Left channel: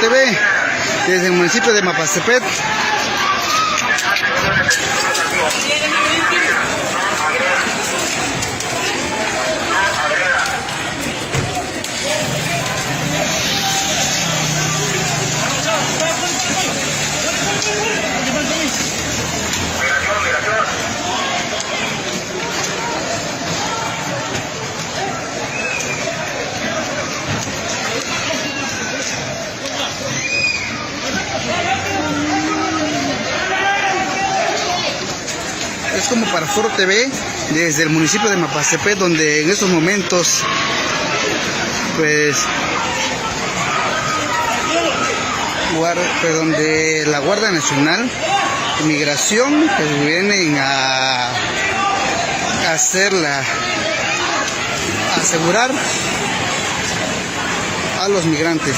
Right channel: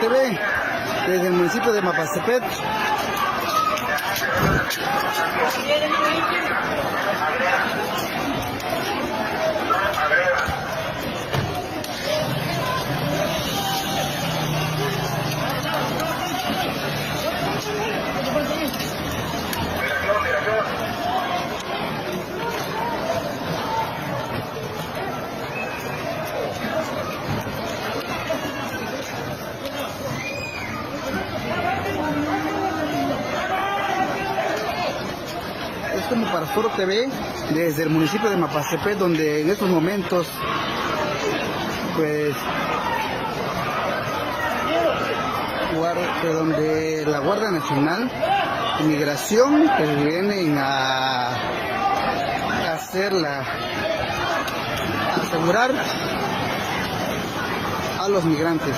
TV, desde el municipio de Mapastepet. Es como para Foro TV, desde el municipio de Mapastepet, donde en estos momentos, pues, de la Guardia Nacional, Migración, que vienen a asegurar a los migrantes.